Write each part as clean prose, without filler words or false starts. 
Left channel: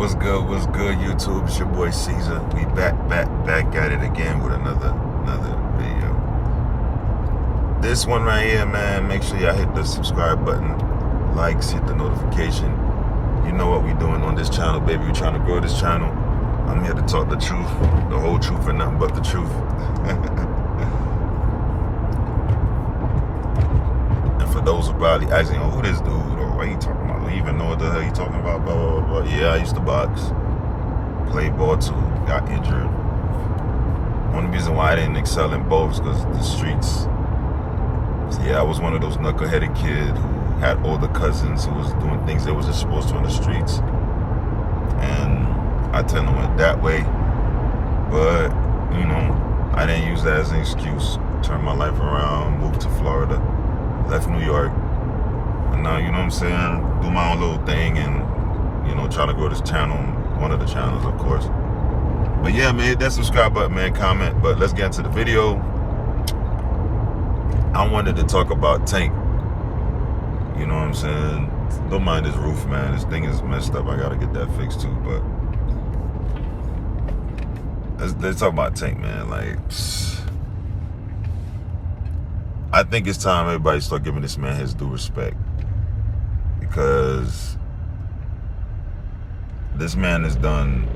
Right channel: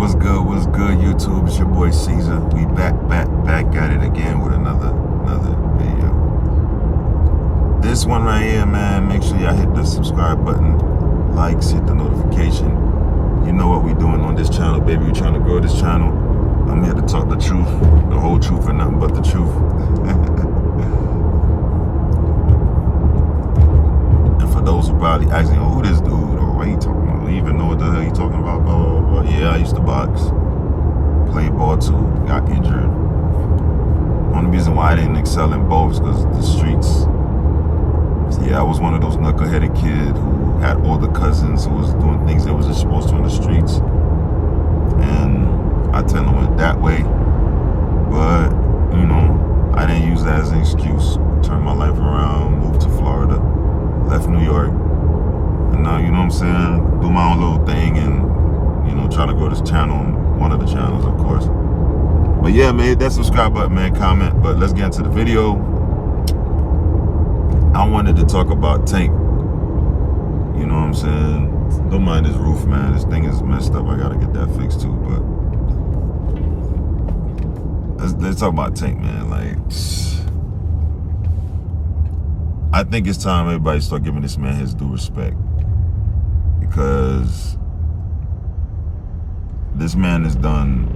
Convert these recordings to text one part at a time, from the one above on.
What's good, YouTube? It's your boy Caesar. We back at it again with another video. This one right here, man, make sure y'all hit the subscribe button, likes, hit the notification. You know what we doing on this channel, baby. We're trying to grow this channel. I'm here to talk the truth, the whole truth and nothing but the truth. And for those who probably asking, oh, who this dude, or what he talking about? I don't even know what the hell he talking about, blah, blah, blah. Yeah, I used to box, played ball too, got injured. Only reason why I didn't excel in both is because the streets. Yeah, I was one of those knuckleheaded kids who had older cousins who was doing things they wasn't supposed to in the streets. And I tend to went that way. But, you know, I didn't use that as an excuse. Turned my life around, moved to Florida, left New York. And now, you know what I'm saying, do my own little thing and, you know, try to grow this channel, one of the channels, of course. But yeah, man, hit that subscribe button, man, comment. But let's get into the video. I wanted to talk about Tank. You know what I'm saying? Don't mind this roof, man. This thing is messed up. I gotta get that fixed too, but let's talk about Tank, man. Like, I think it's time everybody start giving this man his due respect, because this man has done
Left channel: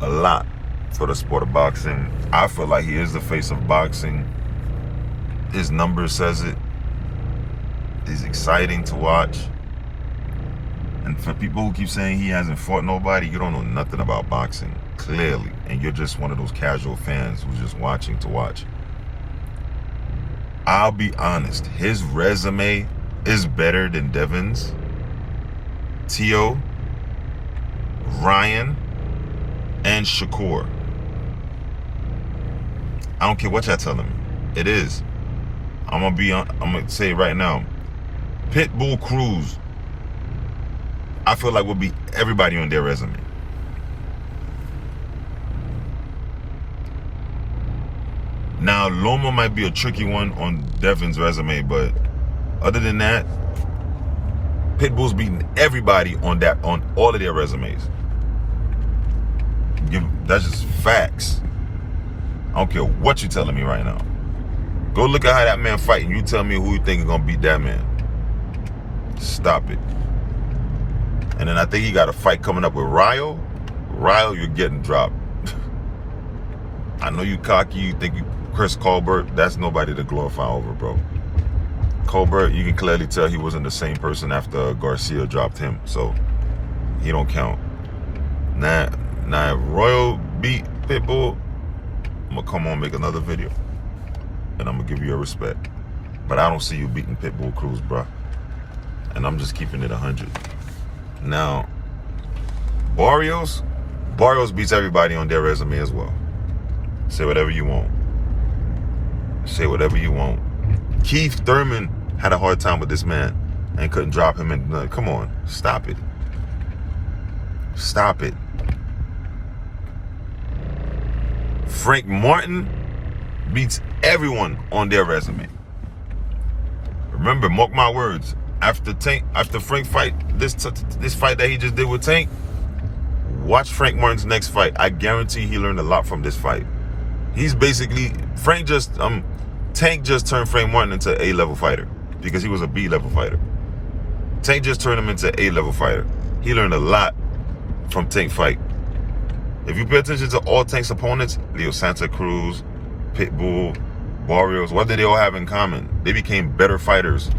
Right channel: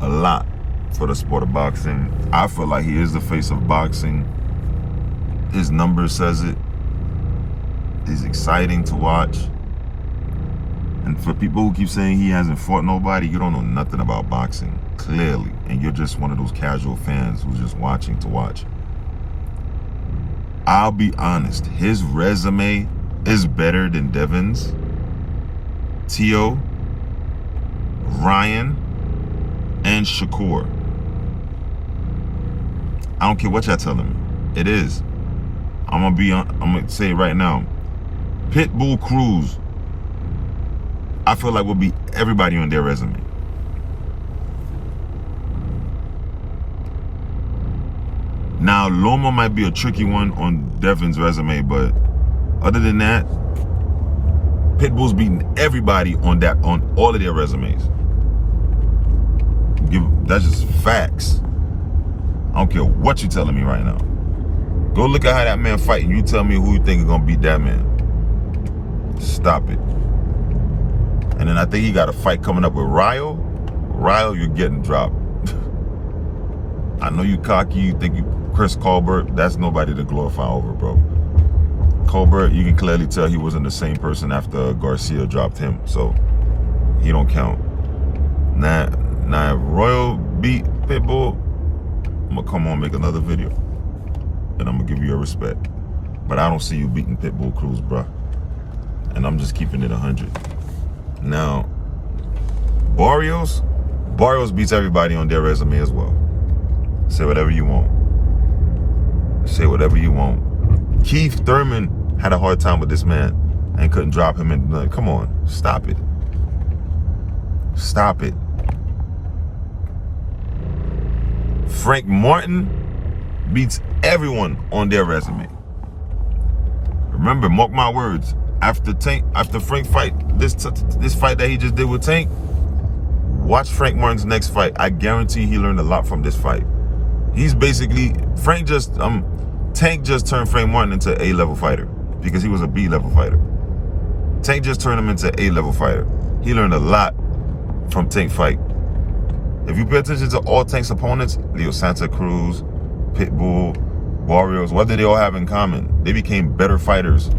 a lot for the sport of boxing. I feel like he is the face of boxing. His number says it. He's exciting to watch. And for people who keep saying he hasn't fought nobody, you don't know nothing about boxing, clearly. And you're just one of those casual fans who's just watching to watch. I'll be honest, his resume is better than Devin's, Tio, Ryan, and Shakur. I don't care what y'all telling me. It is. I'm gonna say it right now. Pitbull Cruz, I feel like will beat everybody on their resume. Now, Loma might be a tricky one on Devin's resume, but other than that, Pitbull's beating everybody on all of their resumes. That's just facts. I don't care what you're telling me right now. Go look at how that man fight and you tell me who you think is gonna beat that man. Stop it. And then I think he got a fight coming up with Ryo. Ryo, you're getting dropped. I know you cocky, you think you Chris Colbert, that's nobody to glorify over, bro. Colbert, you can clearly tell he wasn't the same person after Garcia dropped him, so he don't count. Now if Royal beat Pitbull, I'm gonna come on and make another video. And I'm gonna give you your respect. But I don't see you beating Pitbull Cruz, bro. And I'm just keeping it 100. Now, Barrios beats everybody on their resume as well. Say whatever you want. Say whatever you want. Keith Thurman had a hard time with this man and couldn't drop him in. Come on, stop it. Stop it. Frank Martin beats everyone on their resume. Remember, mark my words. After Frank fight, this fight that he just did with Tank, watch Frank Martin's next fight. I guarantee he learned a lot from this fight. He's basically Tank just turned Frank Martin into an A-level fighter because he was a B-level fighter. Tank just turned him into an A-level fighter. He learned a lot from Tank fight. If you pay attention to all Tank's opponents, Leo Santa Cruz, Pitbull, Barrios, what did they all have in common? They became better fighters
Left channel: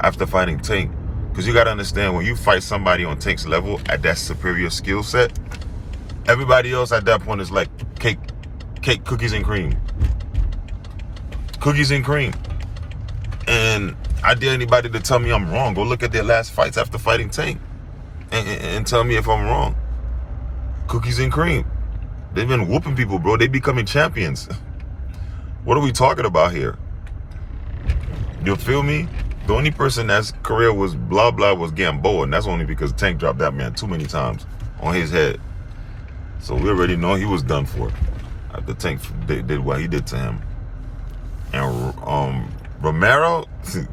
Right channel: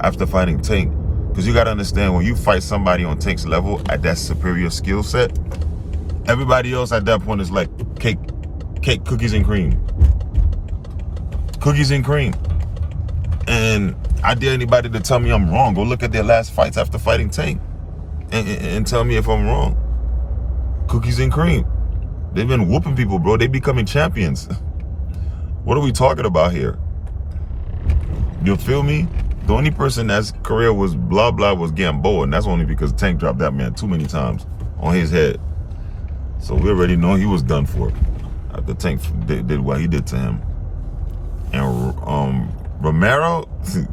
after fighting Tank. Because you got to understand, when you fight somebody on Tank's level at that superior skill set, everybody else at that point is like cake, cookies and cream. Cookies and cream. And I dare anybody to tell me I'm wrong. Go look at their last fights after fighting Tank and tell me if I'm wrong. Cookies and cream. They've been whooping people, bro. They becoming champions. What are we talking about here? You feel me? The only person that's career was blah blah was Gamboa, and that's only because Tank dropped that man too many times on his head. So we already know he was done for after Tank did what he did to him. And Romero,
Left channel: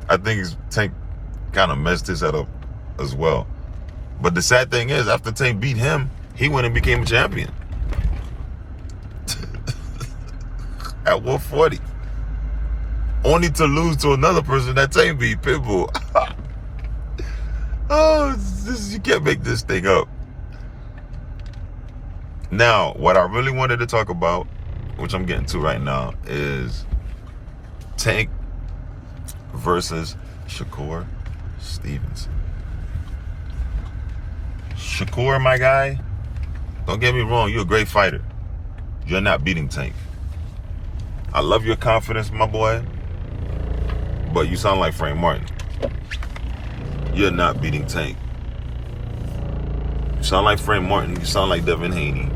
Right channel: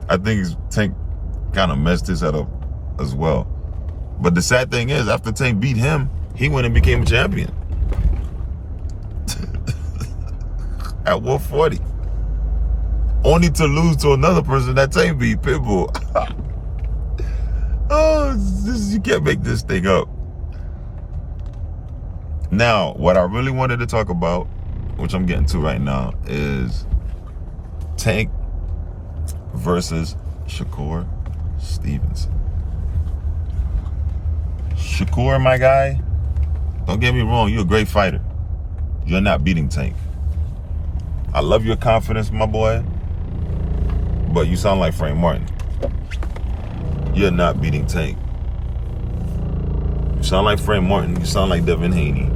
I think Tank kind of messed his head up as well. But the sad thing is, after Tank beat him, he went and became a champion at 140. Only to lose to another person that Tank beat, Pitbull. Oh, you can't make this thing up. Now, what I really wanted to talk about, which I'm getting to right now, is Tank versus Shakur Stevenson. Shakur, my guy, don't get me wrong, you're a great fighter. You're not beating Tank. I love your confidence, my boy, but you sound like Frank Martin. You're not beating Tank. You sound like Frank Martin. You sound like Devin Haney.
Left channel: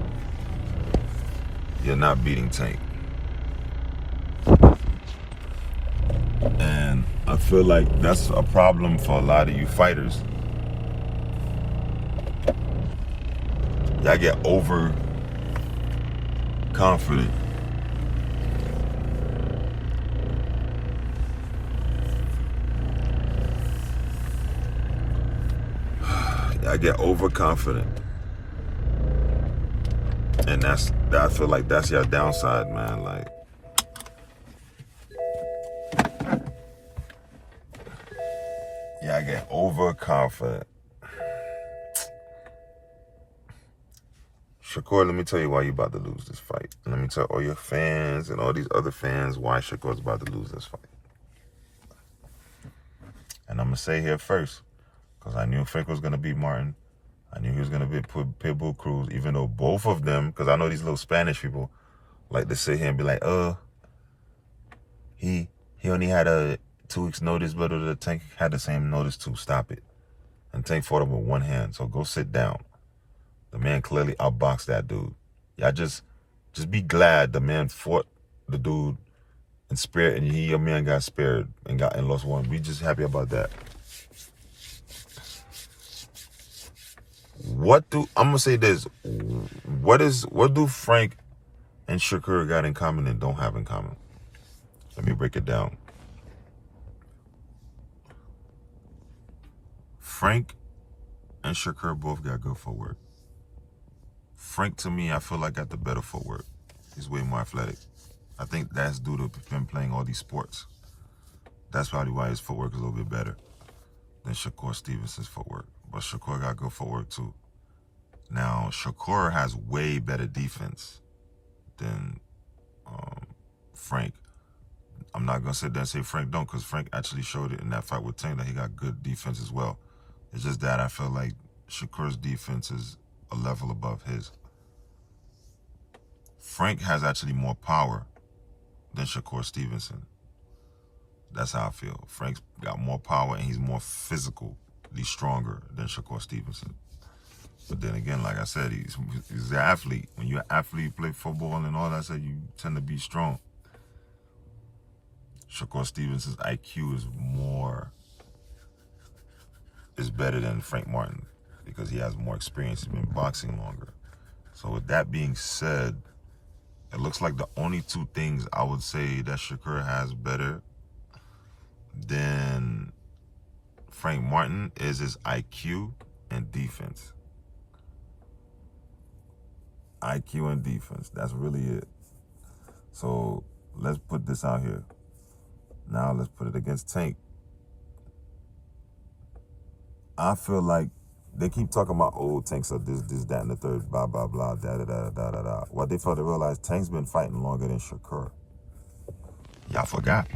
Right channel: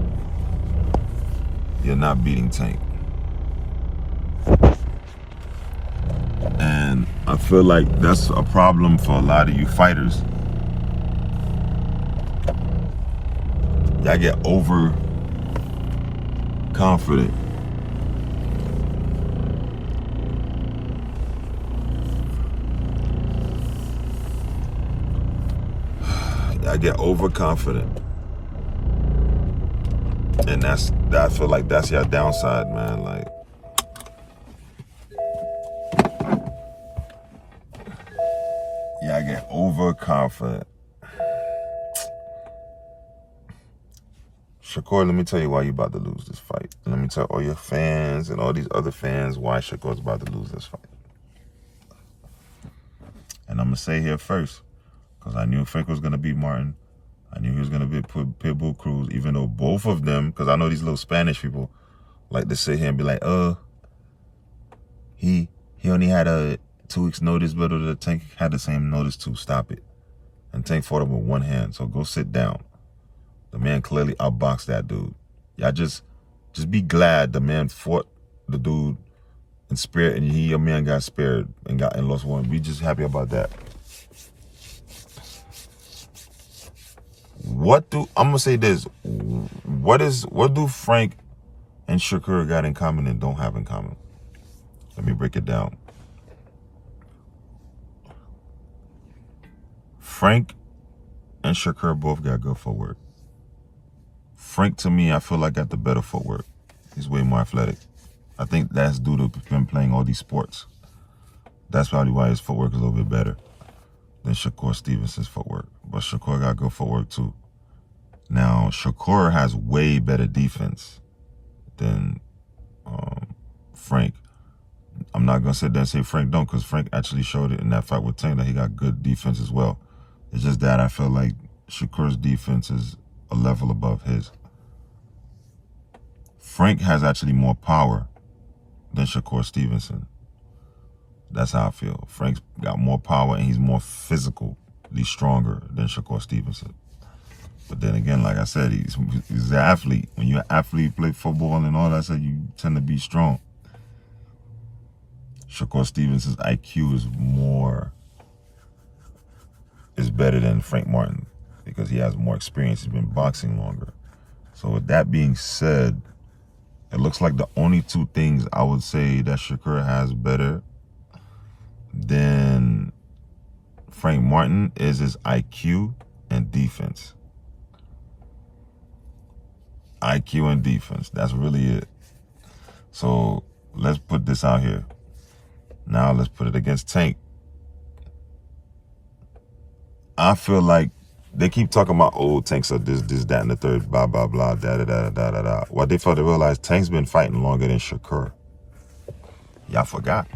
You're not beating Tank. And I feel like that's a problem for a lot of you fighters. Y'all get overconfident. I get overconfident, and I feel like that's your downside, man. Like, yeah, I get overconfident. Shakur, let me tell you why you about to lose this fight. Let me tell all your fans and all these other fans why Shakur's about to lose this fight. And I'm gonna say here first, because I knew Frank was going to beat Martin. I knew he was going to beat Pitbull Cruz, even though both of them, because I know these little Spanish people like to sit here and be like, he only had a 2 weeks notice, but the Tank had the same notice too. Stop it. And Tank fought him with one hand, so go sit down. The man clearly outboxed that dude. Y'all just be glad the man fought the dude in spirit, and your man got spared and lost one. Be just happy about that. I'm gonna say this? What do Frank and Shakur got in common and don't have in common? Let me break it down. Frank and Shakur both got good footwork. Frank, to me, I feel like got the better footwork. He's way more athletic. I think that's due to him playing all these sports. That's probably why his footwork is a little bit better than Shakur Stevenson's footwork. But Shakur got good footwork too. Now, Shakur has way better defense than Frank. I'm not going to sit there and say Frank don't, because Frank actually showed it in that fight with Tank that he got good defense as well. It's just that I feel like Shakur's defense is a level above his. Frank has actually more power than Shakur Stevenson. That's how I feel. Frank's got more power and he's more physically stronger than Shakur Stevenson. But then again, like I said, he's an athlete. When you're an athlete, play football and all that, you tend to be strong. Shakur Stevenson's IQ is better than Frank Martin because he has more experience. He's been boxing longer. So with that being said, it looks like the only two things I would say that Shakur has better than Frank Martin is his IQ and defense. IQ and defense. That's really it. So let's put this out here. Now let's put it against Tank. I feel like they keep talking about, Tanks are this, that, and the third, blah, blah, blah, da. What they fail to realize, Tank's been fighting longer than Shakur. Y'all forgot.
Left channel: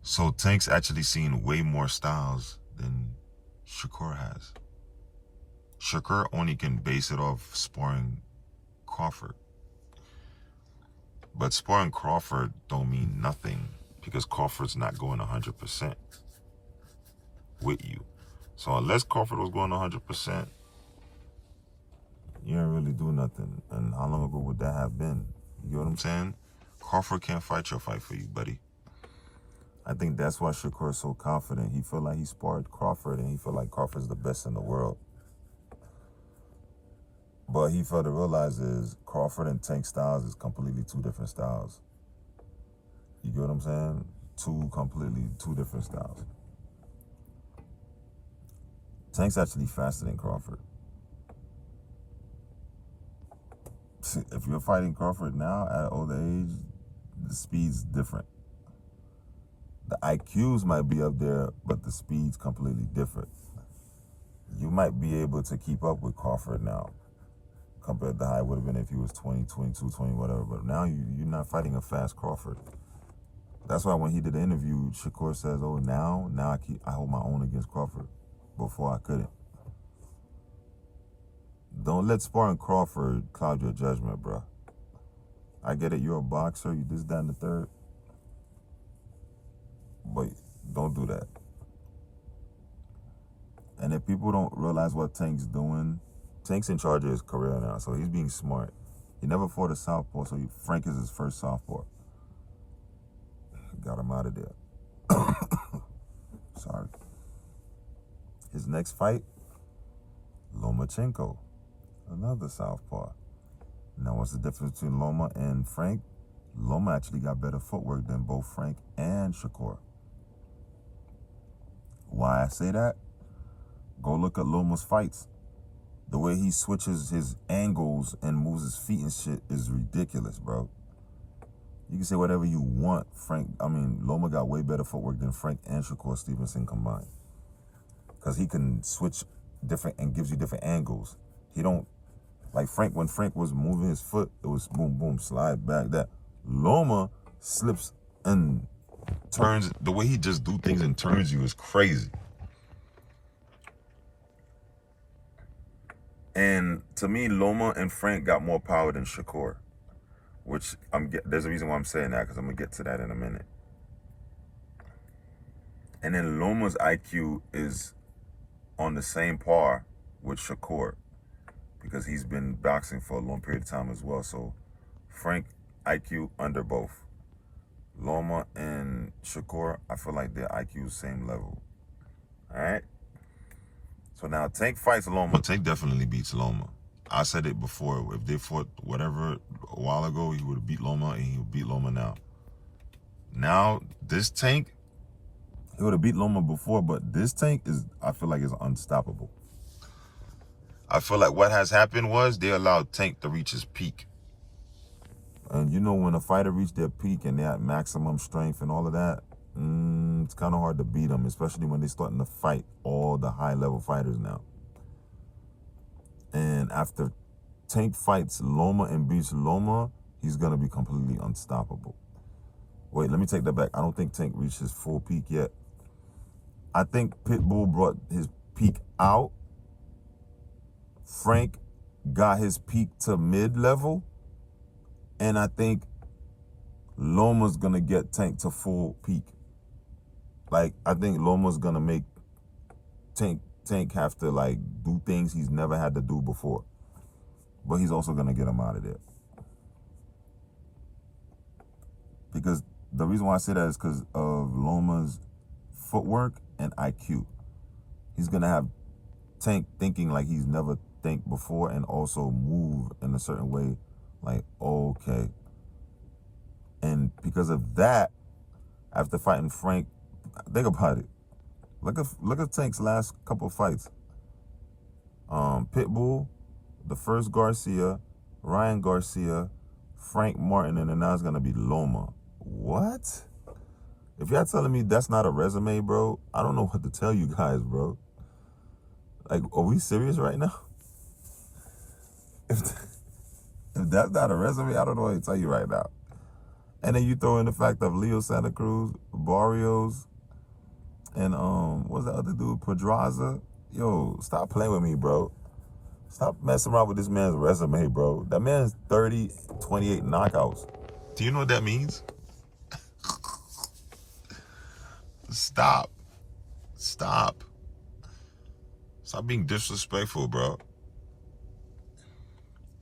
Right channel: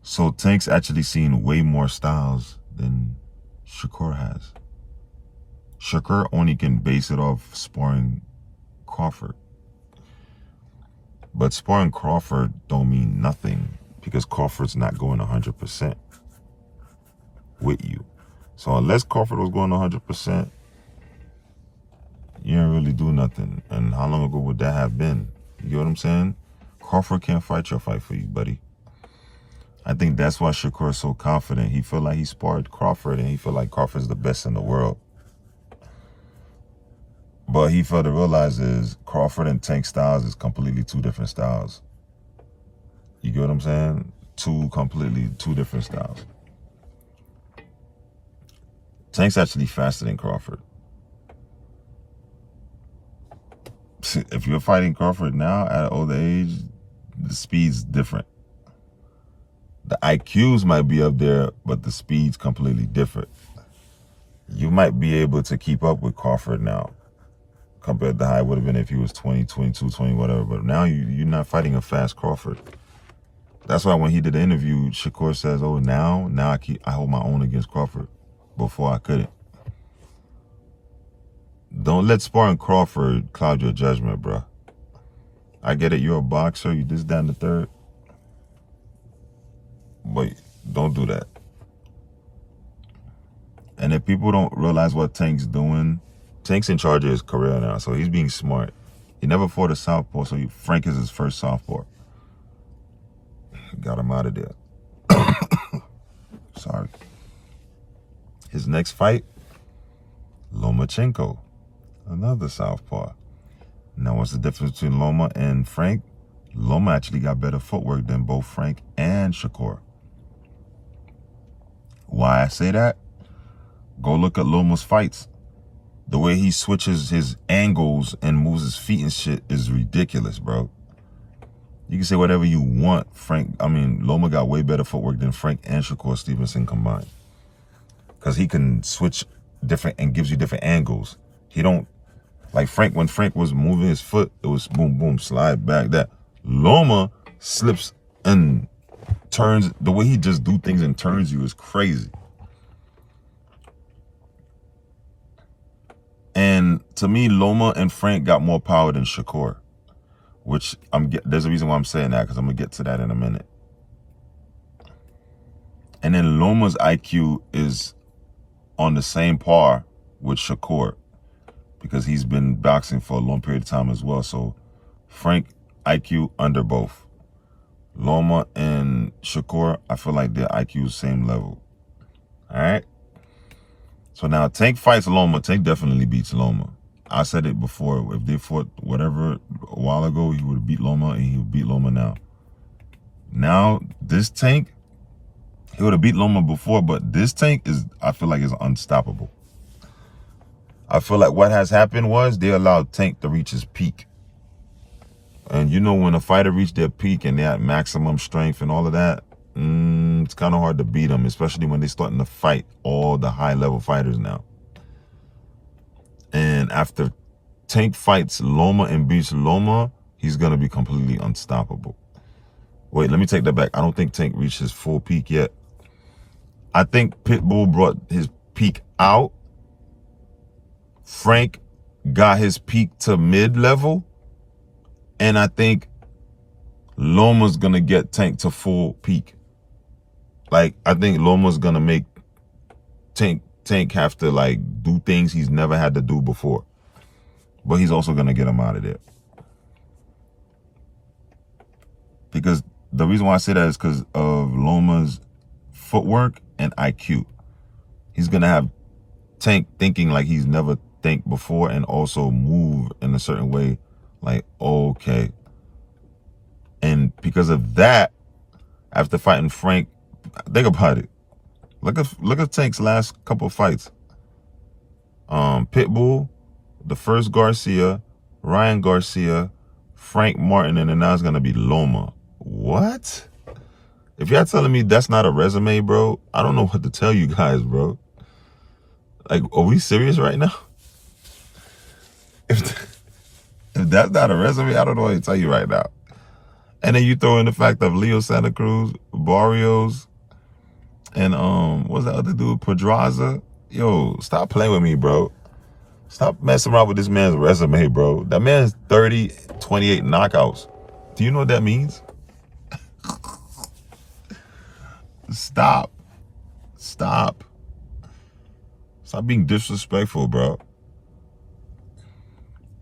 So Tank's actually seen way more styles than Shakur has. Shakur only can base it off sparring Crawford. But sparring Crawford don't mean nothing because Crawford's not going 100% with you. So unless Crawford was going 100%, you didn't really do nothing. And how long ago would that have been? You get what I'm saying? Crawford can't fight your fight for you, buddy. I think that's why Shakur is so confident. He feel like he sparred Crawford and he feel like Crawford's the best in the world. But he failed to realize is Crawford and Tank styles is completely two different styles. You get what I'm saying? Two different styles. Tank's actually faster than Crawford. If you're fighting Crawford now at an older age, the speed's different. The IQs might be up there, but the speed's completely different. You might be able to keep up with Crawford now compared to how it would have been if he was 20, 22, 20, whatever. But now you're not fighting a fast Crawford. That's why when he did the interview, Shakur says, oh, now I hold my own against Crawford. Before I couldn't. Don't let sparring Crawford cloud your judgment, bro. I get it, you're a boxer, you this, that, and the third. But don't do that. And if people don't realize what Tank's doing, Tank's in charge of his career now, so he's being smart. He never fought a southpaw, so Frank is his first southpaw. Got him out of there. Sorry. His next fight, Lomachenko, another southpaw. Now, what's the difference between Loma and Frank? Loma actually got better footwork than both Frank and Shakur. Why I say that? Go look at Loma's fights. The way he switches his angles and moves his feet and shit is ridiculous, bro. You can say whatever you want. Loma got way better footwork than Frank and Shakur Stevenson combined. Because he can switch different and gives you different angles. He don't, like Frank, when Frank was moving his foot, it was boom, boom, slide back, that. Loma slips and turns, the way he just do things and turns you is crazy. And to me, Loma and Frank got more power than Shakur, which there's a reason why I'm saying that, because I'm going to get to that in a minute. And then Loma's IQ is on the same par with Shakur because he's been boxing for a long period of time as well. So Frank IQ under both. Loma and Shakur, I feel like their IQ is same level. All right. So now Tank fights Loma. Tank definitely beats Loma. I said it before. If they fought whatever a while ago, he would have beat Loma, and he would beat Loma now. Now this Tank, he would have beat Loma before, but this Tank I feel like is unstoppable. I feel like what has happened was they allowed Tank to reach his peak. And you know, when a fighter reached their peak and they're at maximum strength and all of that, it's kind of hard to beat them, especially when they're starting to fight all the high-level fighters now. And after Tank fights Loma and beats Loma, he's going to be completely unstoppable. Wait, let me take that back. I don't think Tank reached his full peak yet. I think Pitbull brought his peak out. Frank got his peak to mid-level. And I think Loma's going to get Tank to full peak. Like, I think Loma's going to make Tank have to, like, do things he's never had to do before. But he's also going to get him out of there. Because the reason why I say that is because of Loma's footwork and IQ. He's going to have Tank thinking like he's never think before and also move in a certain way. Like, okay. And because of that, after fighting Frank, think about it. Look at Tank's last couple of fights. Pitbull, the first Garcia, Ryan Garcia, Frank Martin, and then now it's gonna be Loma. What? If y'all telling me that's not a resume, bro, I don't know what to tell you guys, bro. Like, are we serious right now? If that's not a resume, I don't know what to tell you right now. And then you throw in the fact of Leo Santa Cruz, Barrios, and what's that other dude, Pedraza? Yo, stop playing with me, bro. Stop messing around with this man's resume, bro. That man's 30, 28 knockouts. Do you know what that means? Stop being disrespectful, bro.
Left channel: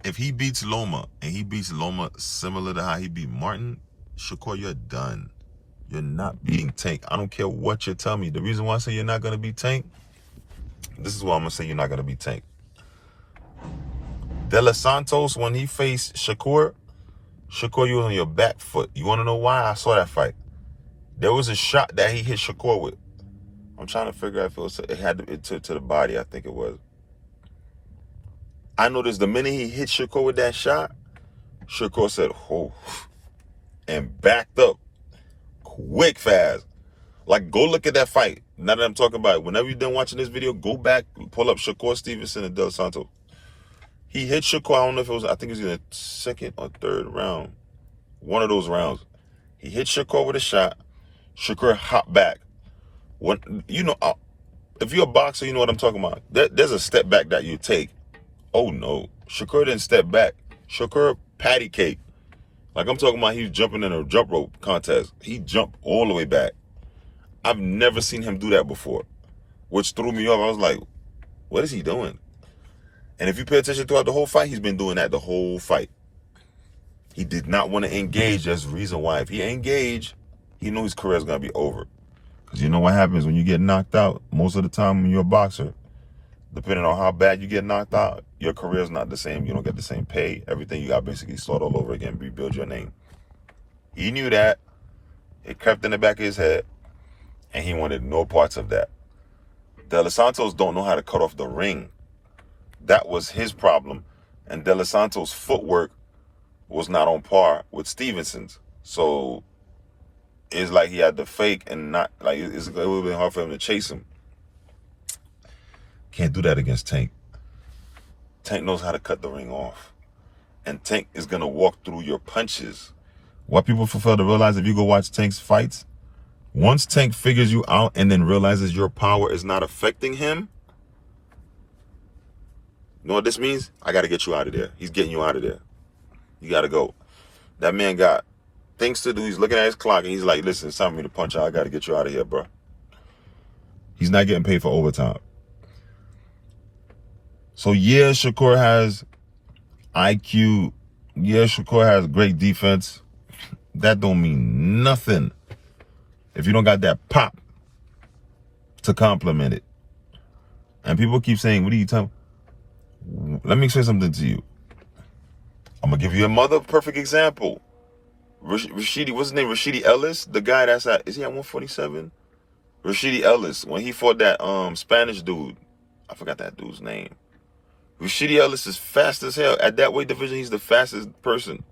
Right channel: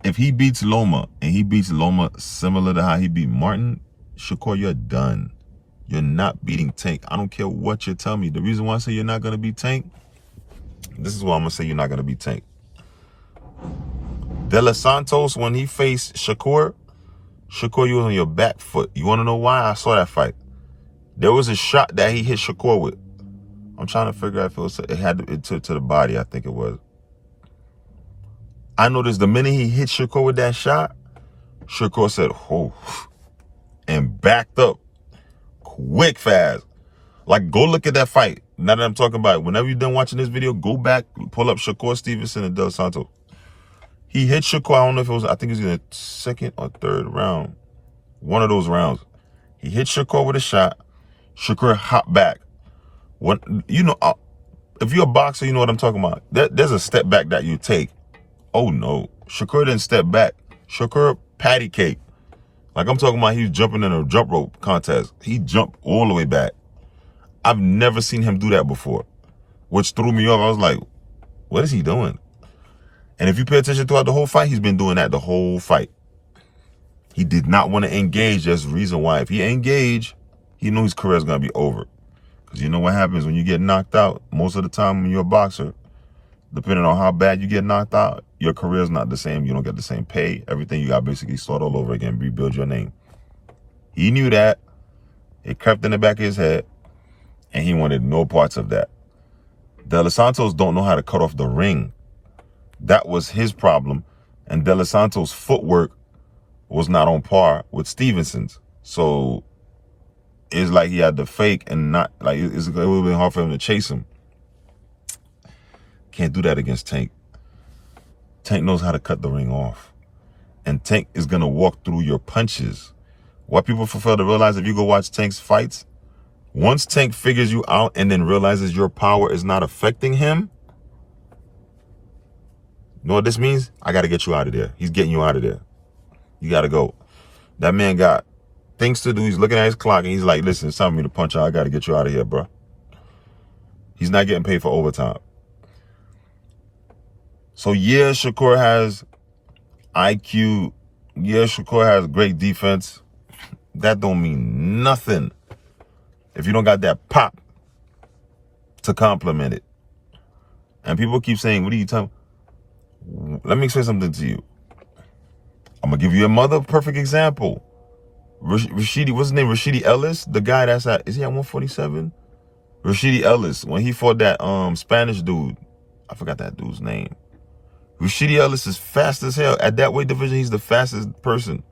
If he beats Loma, and he beats Loma similar to how he beat Martin, Shakur, you're done. You're not beating Tank. I don't care what you tell me. The reason why I say you're not going to beat Tank, this is why I'm going to say you're not going to beat Tank. De Los Santos, when he faced Shakur, you was on your back foot. You want to know why? I saw that fight. There was a shot that he hit Shakur with. I'm trying to figure out if it had to the body, I think it was. I noticed the minute he hit Shakur with that shot, Shakur said, oh, and backed up quick, fast. Like, go look at that fight. Now that I'm talking about it, whenever you're done watching this video, go back, pull up Shakur Stevenson and Dos Santos. He hit Shakur, I don't know if it was, I think it was in the second or third round. One of those rounds. He hit Shakur with a shot. Shakur hopped back. You know, if you're a boxer, you know what I'm talking about. There's a step back that you take. Oh, no. Shakur didn't step back. Shakur patty cake. Like I'm talking about, he was jumping in a jump rope contest. He jumped all the way back. I've never seen him do that before, which threw me off. I was like, what is he doing? And if you pay attention throughout the whole fight, he's been doing that the whole fight. He did not want to engage. That's the reason why. If he engaged, he knew his career is going to be over. Because you know what happens when you get knocked out? Most of the time when you're a boxer, depending on how bad you get knocked out, your career is not the same. You don't get the same pay. Everything, you got to basically start all over again, rebuild your name. He knew that. It crept in the back of his head, and he wanted no parts of that. De Los Santos don't know how to cut off the ring. That was his problem. And De Los Santos' footwork was not on par with Stevenson's. So it's like he had to fake and not, like, it would have been hard for him to chase him. Can't do that against Tank. Tank knows how to cut the ring off. And Tank is going to walk through your punches. What people fail to realize, if you go watch Tank's fights, once Tank figures you out and then realizes your power is not affecting him, you know what this means? I got to get you out of there. He's getting you out of there. You got to go. That man got things to do. He's looking at his clock and he's like, listen, it's time for me to punch out. I got to get you out of here, bro. He's not getting paid for overtime. So yeah, Shakur has IQ. Yeah, Shakur has great defense. That don't mean nothing if you don't got that pop to complement it. And people keep saying, what are you talking? Let me say something to you. I'm going to give you another perfect example. Rashidi, what's his name? Rashidi Ellis, the guy that's at, is he at 147? Rashidi Ellis, when he fought that Spanish dude, I forgot that dude's name. Rashidi Ellis is fast as hell. At that weight division, he's the fastest person.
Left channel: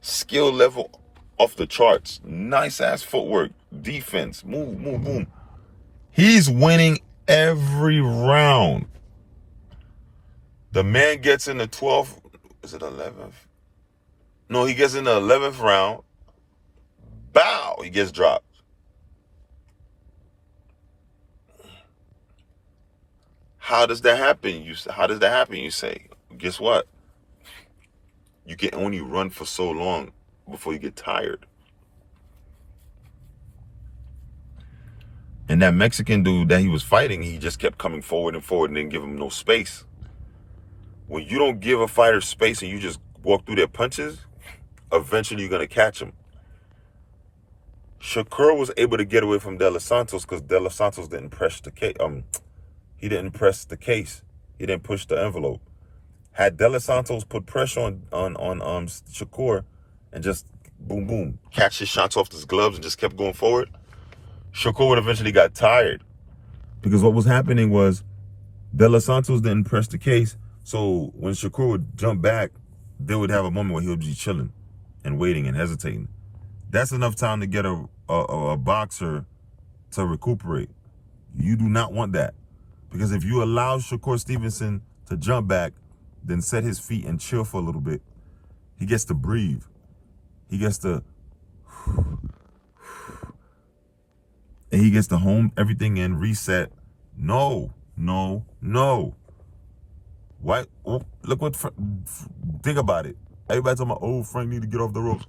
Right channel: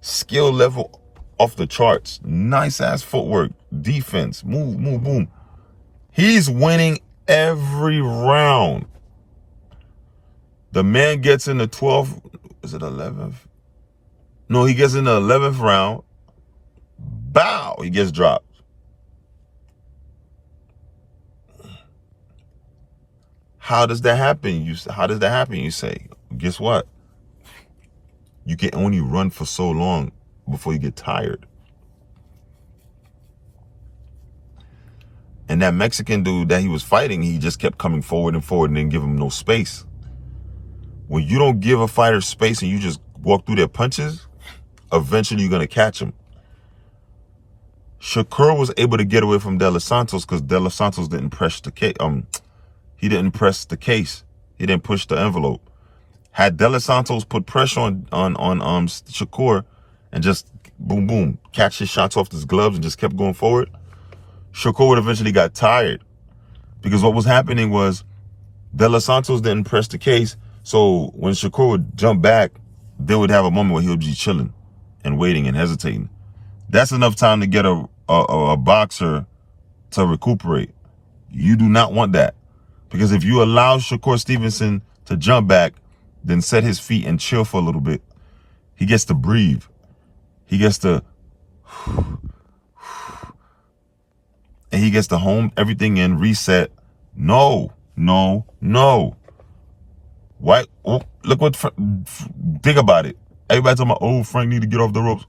Skill level off the charts. Nice ass footwork. Defense. Move, move, boom. He's winning every round. The man gets in the 12th, is it 11th? No, he gets in the 11th round. Bow, he gets dropped. How does that happen? You say, guess what? You can only run for so long before you get tired. And that Mexican dude that he was fighting, he just kept coming forward and forward and didn't give him no space. When you don't give a fighter space and you just walk through their punches, eventually you're going to catch him. Shakur was able to get away from De Los Santos because De Los Santos didn't press the case. He didn't press the case. He didn't push the envelope. Had De Los Santos put pressure on Shakur and just boom, boom, catch his shots off his gloves and just kept going forward, Shakur would eventually got tired. Because what was happening was De Los Santos didn't press the case. So when Shakur would jump back, they would have a moment where he would be chilling and waiting and hesitating. That's enough time to get a boxer to recuperate. You do not want that. Because if you allow Shakur Stevenson to jump back, then set his feet and chill for a little bit, he gets to breathe. He gets to, and he gets to home everything in, reset. No, no, no. What? Oh, look what, think about it. Everybody talking about, oh, Frank need to get off the ropes.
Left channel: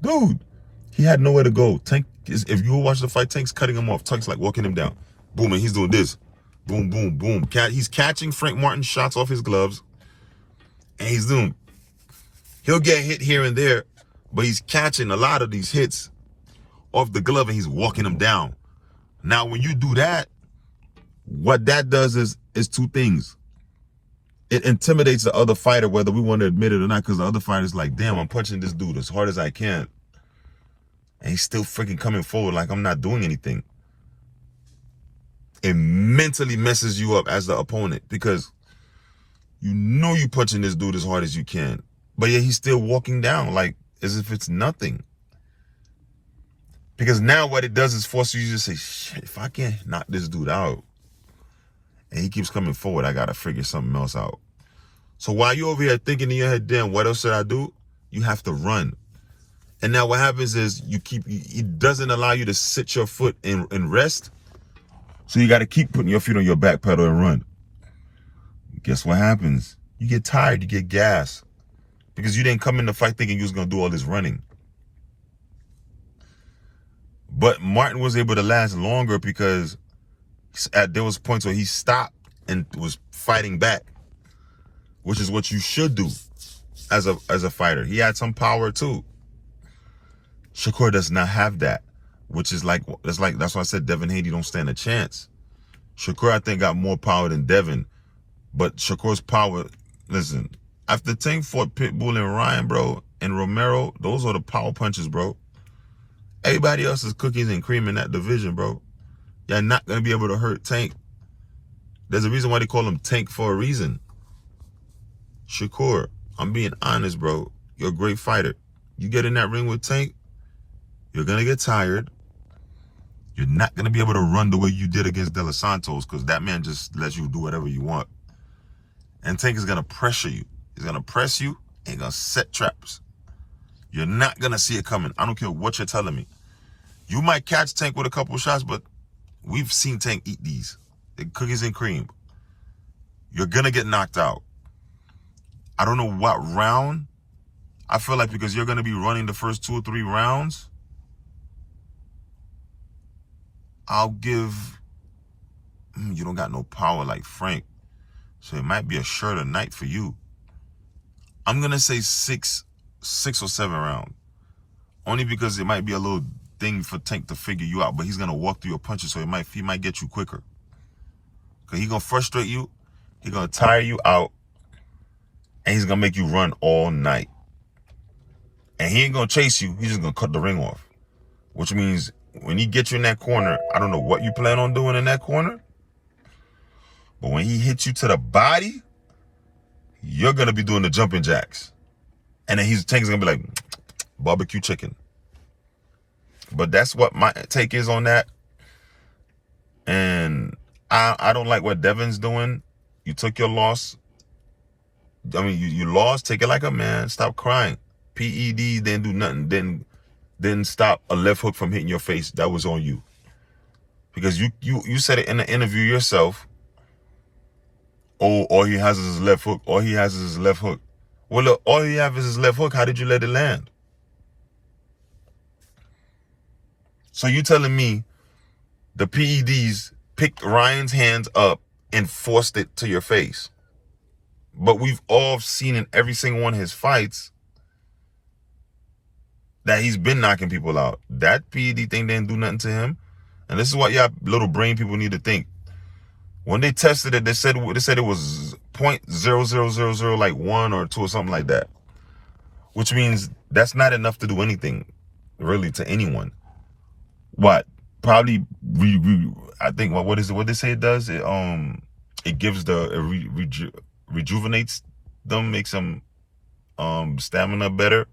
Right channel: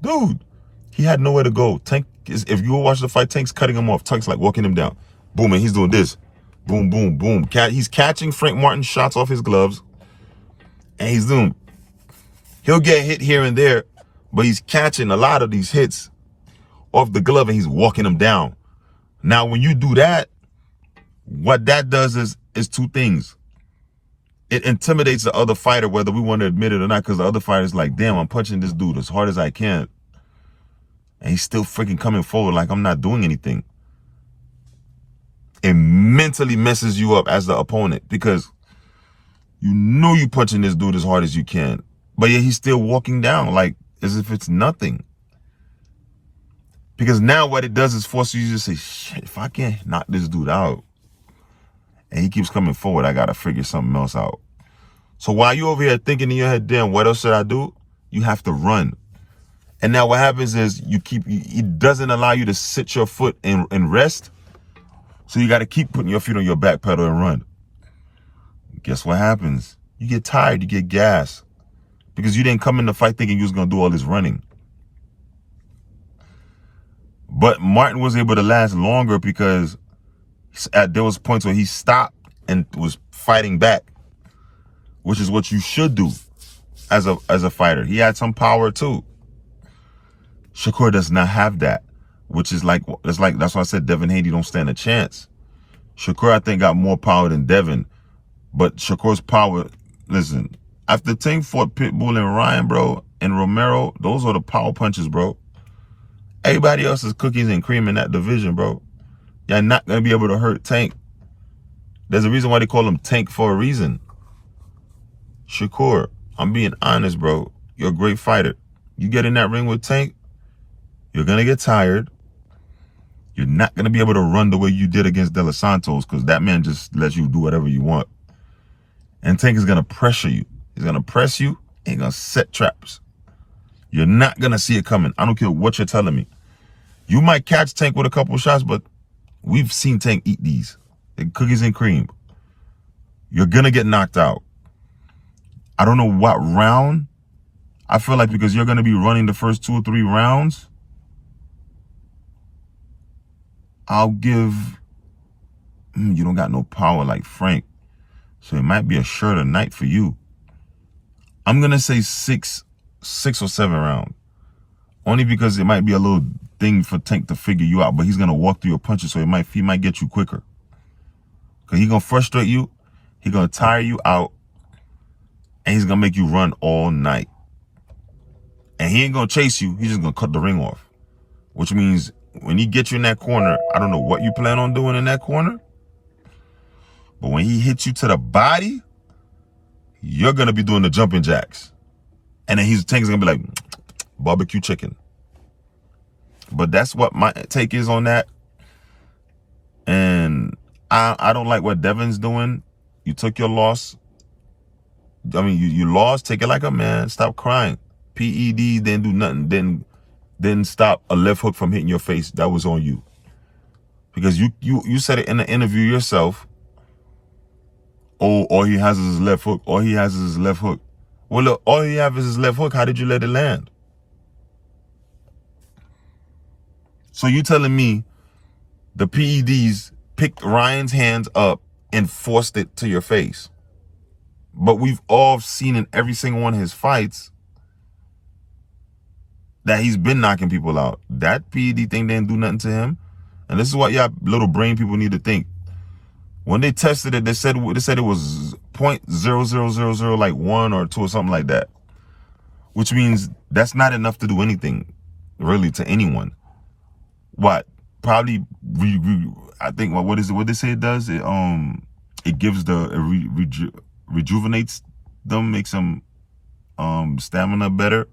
Dude, he had nowhere to go. Tank is, if you watch the fight, Tank's cutting him off. Tank's like walking him down. Boom, and he's doing this. Boom, boom, boom. He's catching Frank Martin's shots off his gloves. And he's doing, he'll get hit here and there, but he's catching a lot of these hits off the glove and he's walking them down. Now, when you do that, what that does is two things. It intimidates the other fighter, whether we want to admit it or not, because the other fighter's like, damn, I'm punching this dude as hard as I can. And he's still freaking coming forward like I'm not doing anything. It mentally messes you up as the opponent because you know you punching this dude as hard as you can. But yet he's still walking down like as if it's nothing. Because now what it does is force you to say, shit, if I can't knock this dude out and he keeps coming forward, I got to figure something else out. So while you're over here thinking in your head, damn, what else should I do? You have to run. And now what happens is it doesn't allow you to sit your foot and rest. So you got to keep putting your feet on your back pedal and run. Guess what happens? You get tired, you get gas. Because you didn't come in the fight thinking you was going to do all this running. But Martin was able to last longer because there was points where he stopped and was fighting back, which is what you should do as a fighter. He had some power too. Shakur does not have that, which is that's why I said Devin Haney don't stand a chance. Shakur, I think, got more power than Devin, but Shakur's power, listen, after Tank fought Pitbull and Ryan, bro, and Romero, those are the power punches, bro. Everybody else is cookies and cream in that division, bro. You're not going to be able to hurt Tank. There's a reason why they call him Tank for a reason. Shakur, I'm being honest, bro. You're a great fighter. You get in that ring with Tank, you're going to get tired. You're not going to be able to run the way you did against De Los Santos because that man just lets you do whatever you want. And Tank is going to pressure you. He's going to press you and he's going to set traps. You're not going to see it coming. I don't care what you're telling me. You might catch Tank with a couple shots, but we've seen Tank eat these. They're cookies and cream. You're going to get knocked out. I don't know what round. I feel like because you're going to be running the first 2 or 3 rounds, I'll give, you don't got no power like Frank. So it might be a shorter night for you. I'm going to say 6 or 7 rounds. Only because it might be a little thing for Tank to figure you out, but he's going to walk through your punches, so he might get you quicker. Because he's going to frustrate you, he's going to tire you out, and he's going to make you run all night. And he ain't going to chase you, he's just going to cut the ring off. Which means when he gets you in that corner, I don't know what you plan on doing in that corner, but when he hits you to the body, you're going to be doing the jumping jacks. And then Tank's going to be like, barbecue chicken. But that's what my take is on that. And I don't like what Devin's doing. You took your loss. I mean, you lost. Take it like a man. Stop crying. PEDs didn't do nothing. Didn't stop a left hook from hitting your face. That was on you. Because you said it in the interview yourself. Oh, all he has is his left hook. All he has is his left hook. Well, look, all you have is his left hook. How did you let it land? So you telling me the PEDs picked Ryan's hands up and forced it to your face? But we've all seen in every single one of his fights that he's been knocking people out. That PED thing didn't do nothing to him. And this is what y'all little brain people need to think. When they tested it, they said it was 0.0000 like 1 or 2 or something like that. Which means that's not enough to do anything really to anyone. What? Probably I think what is it? What they say it does? It gives rejuvenates them, makes them stamina better.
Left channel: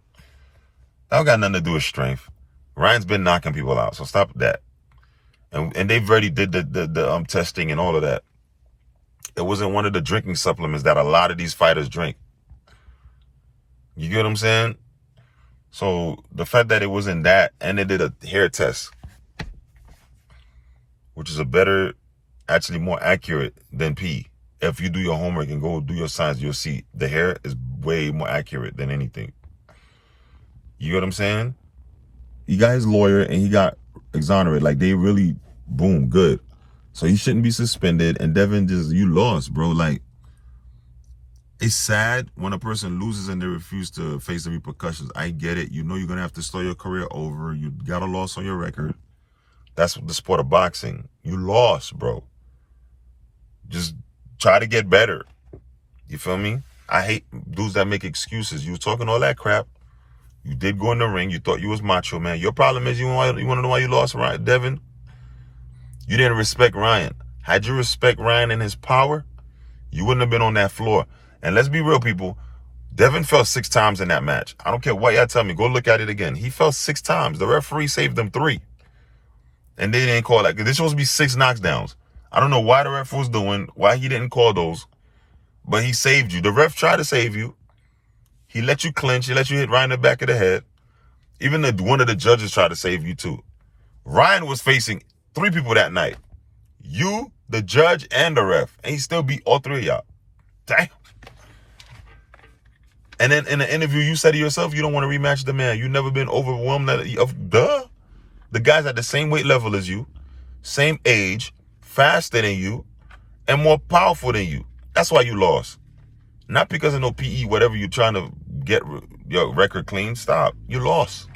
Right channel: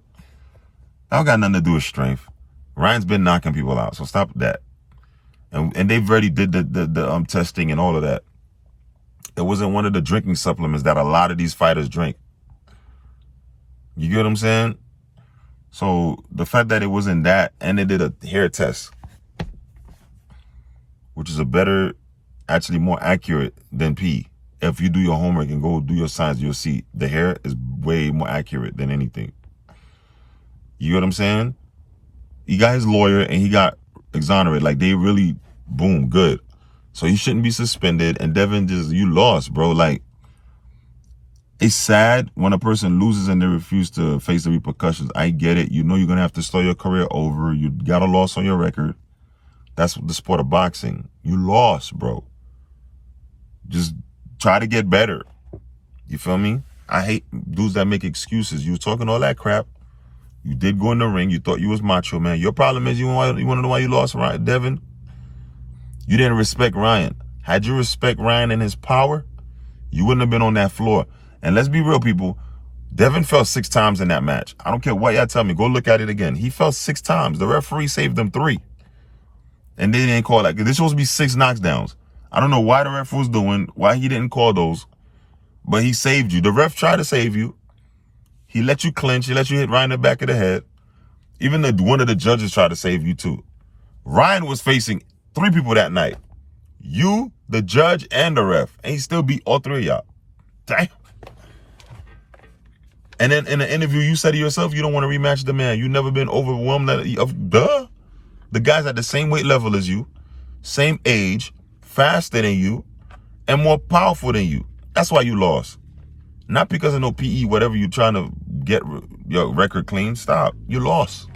That got nothing to do with strength. Ryan's been knocking people out, so stop that. And they've already did the testing and all of that. It wasn't one of the drinking supplements that a lot of these fighters drink. You get what I'm saying? So the fact that it wasn't that, and they did a hair test, which is actually more accurate than pee. If you do your homework and go do your science, you'll see the hair is way more accurate than anything. You get what I'm saying? He got his lawyer and he got exonerated. Like, they really, boom, good. So he shouldn't be suspended. And Devin, you lost, bro. Like, it's sad when a person loses and they refuse to face the repercussions. I get it. You know you're going to have to start your career over. You got a loss on your record. That's the sport of boxing. You lost, bro. Just try to get better. You feel me? I hate dudes that make excuses. You were talking all that crap. You did go in the ring. You thought you was macho, man. Your problem is you want to know why you lost, right, Devin? You didn't respect Ryan. Had you respect Ryan and his power, you wouldn't have been on that floor. And let's be real, people. Devin fell 6 times in that match. I don't care what y'all tell me. Go look at it again. He fell 6 times. The referee saved him 3. And they didn't call that. There's supposed to be 6 knockdowns. I don't know why the ref was doing, why he didn't call those. But he saved you. The ref tried to save you. He let you clinch. He let you hit Ryan in the back of the head. Even one of the judges tried to save you too. Ryan was facing 3 people that night. You, the judge, and the ref. And he still beat all 3 of y'all. Damn. And then in the interview, you said to yourself, you don't want to rematch the man. You've never been overwhelmed. Duh. The guy's at the same weight level as you, same age, faster than you, and more powerful than you. That's why you lost. Not because of no PE, whatever you're trying to get your record clean. Stop. You lost.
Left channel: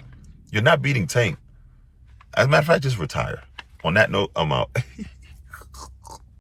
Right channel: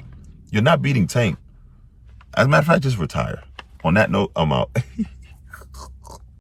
You're not beating Tank. As a matter of fact, just retire. On that note, I'm out.